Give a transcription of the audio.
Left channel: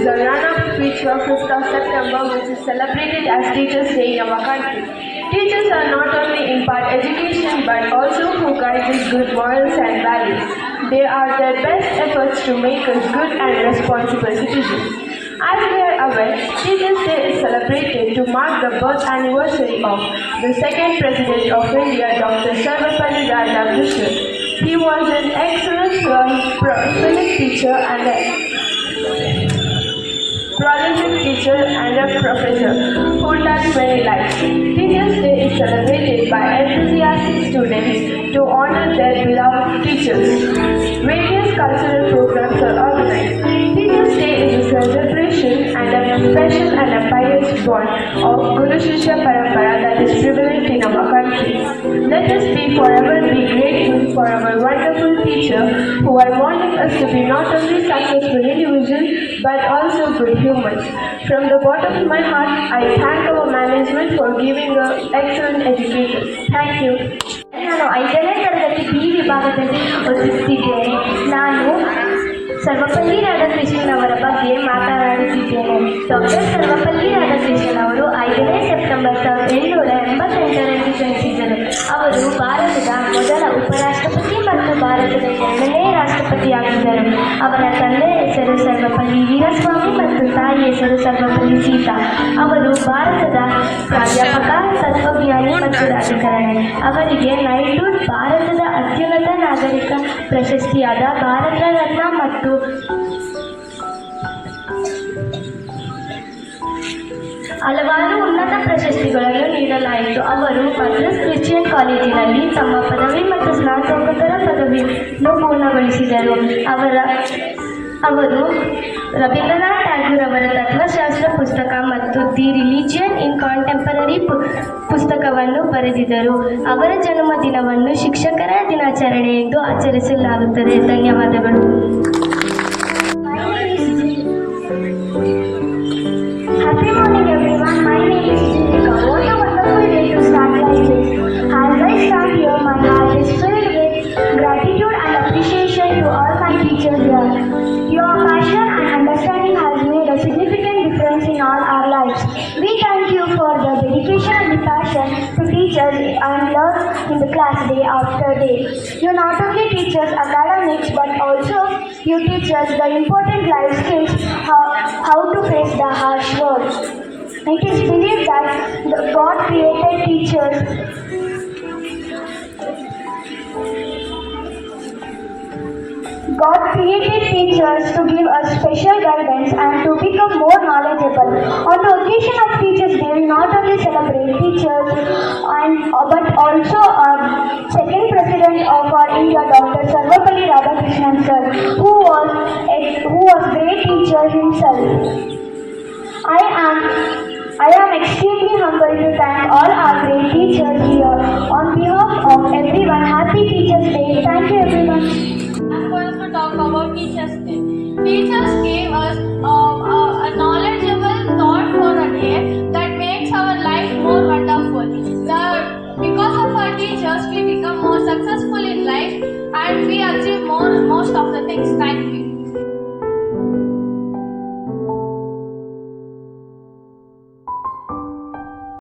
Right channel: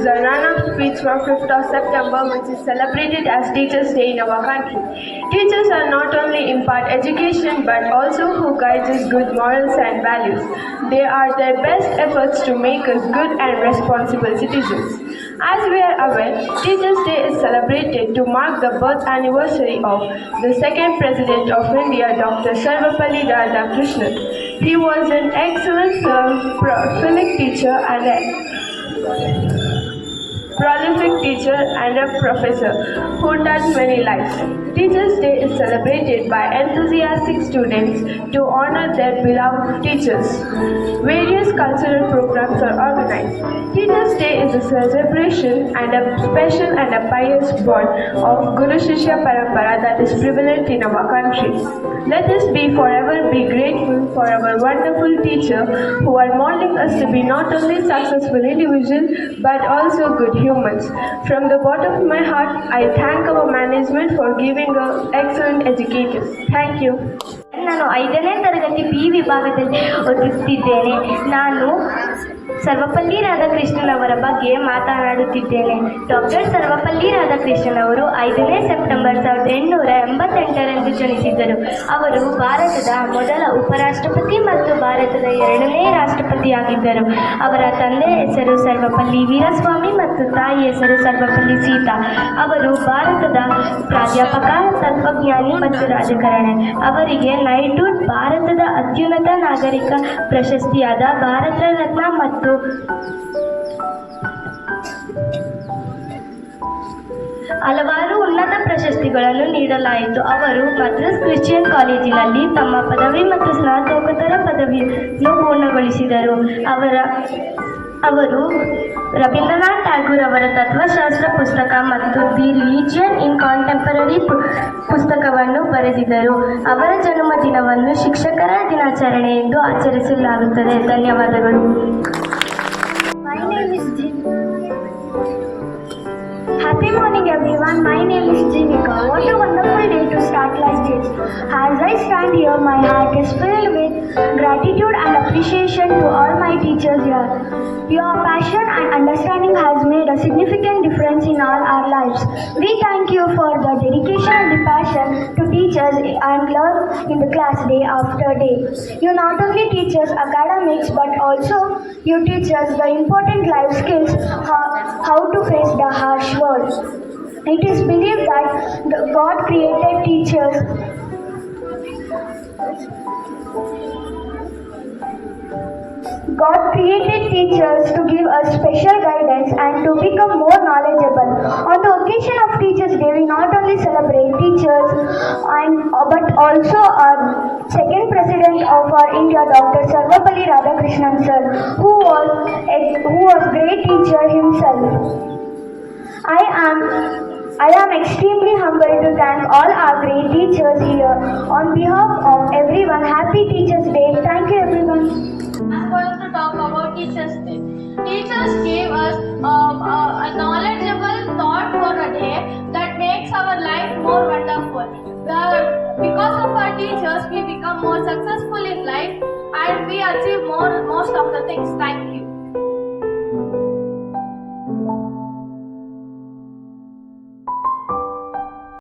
is the run-up speech for 5th of September, which is celebrated as Teachers' Day in our country. Teachers are not only impart education but also who guide us good morals and values. They are their best efforts to make us good and responsible citizens. As we are aware, Teachers' Day is celebrated to mark the birth anniversary of the second President of India, Dr. Sarvepalli Radhakrishnan. He was an excellent prolific teacher and a professor who touched many lives. Teachers' Day is celebrated by enthusiastic students to honor their beloved teachers. Various cultural programs are organized. Teachers' Day is a celebration and a special and a pious bond of Guru Shishya Parampara that is prevalent in our country. Let us forever be grateful for our wonderful teacher who are molding us to be not only successful individuals but also good humans. From the bottom of my heart, I thank our management for giving us excellent educators. Thank you. ನಾನು 5ನೇ ತರಗತಿ B ವಿಭಾಗದಲ್ಲಿ ಓದುತ್ತಿದ್ದೇನೆ. ನಾನು ಸರ್ವಪಲ್ಲಿ ರಾಧಾಕೃಷ್ಣನ್ ಅವರ ಬಗ್ಗೆ ಮಾತನಾಡುತ್ತಿದ್ದೇನೆ. Doctor Sarvepalli Radhakrishnan ಅವರು 5ನೇ ಸೆಪ್ಟೆಂಬರ್ 1888ರಂದು ಜನಿಸಿದರು. ಅವರು ಭಾರತದ ಮೊದಲ ಉಪರಾಷ್ಟ್ರಪತಿ ಮತ್ತು ಭಾರತದ 2ನೇ ರಾಷ್ಟ್ರಪತಿಯಾಗಿದ್ದರು. ಅವರ ತಂದೆ ಹೆಸರು ಸರ್ವಪಲ್ಲಿ ವೀರಸ್ವಾಮಿ ಮತ್ತು ತಾಯಿ ಹೆಸರು ಸರ್ವಪಲ್ಲಿ ಸೀತಾ. ಅವರು ಭಾರತದ ಪ್ರಾಧ್ಯಾಪಕ, ತತ್ವಜ್ಞಾನಿ ಮತ್ತು ರಾಜಕಾರಣಿ. ಅವರಿಗೆ ನೈಟ್ಹುಡ್, ಭಾರತದ ಅತ್ಯುನ್ನತ ನಾಗರಿಕ ಪ್ರಶಸ್ತಿಯಾದ ಭಾರತ ರತ್ನ ಮತ್ತು ಹಲವಾರು ಉನ್ನತ ಪ್ರಶಸ್ತಿಗಳನ್ನು ನೀಡಲಾಯಿತು. ಅವರು ಮದ್ರಾಸ್ ಕ್ರಿಶ್ಚಿಯನ್ ಕಾಲೇಜಿನಲ್ಲಿ ತಮ್ಮ ಪದವಿ ಮತ್ತು ಸ್ನಾತಕೋತ್ತರ ಪದವಿಯನ್ನು ಪೂರ್ಣಗೊಳಿಸಿದರು. ಅವರು ರವೀಂದ್ರನಾಥ್ ಟ್ಯಾಗೂರ್ ಅವರ ತತ್ವಶಾಸ್ತ್ರ ಪುಸ್ತಕ ಮತ್ತು ದಿ ರಿಲಿಜಿಯನ್ ಇನ್ ಕಾಂಟೆಂಪರರಿ ಪುಸ್ತಕವನ್ನು ಬರೆದಿದ್ದರು. ಅವರ ಜನ್ಮದಿನವನ್ನು ಶಿಕ್ಷಕರ ದಿನಾಚರಣೆ ಎಂದು ಆಚರಿಸಲಾಗುತ್ತದೆ. ಧನ್ಯವಾದಗಳು. Happy morning everyone, my name is Jivika. What a wonderful day to start like this. As I stand here, my heart is filled with gratitude and appreciation to all my teachers here. Your passion and understanding has made a significant difference in all our lives. We thank you for the dedication and the passion to teach us and learn in the class day after day. You not only teach us academics but also you teach us the important life skills, how to face the harsh world. It is believed that God created teachers to give us special guidance and to become more knowledgeable. On the occasion of Teachers' Day, we not only celebrate teachers but also our second President of our India, Dr. Sarvepalli Radhakrishnan sir, who was great teacher himself. I am extremely humbled to thank all our great teachers here. On behalf of everyone, happy Teachers' Day. Thank you everyone. I'm going to talk about Teachers' Day. Teachers gave us a knowledgeable thought for a day that makes our life more wonderful. Because of our teachers, we become more successful in life and we achieve most of the things. Thank you.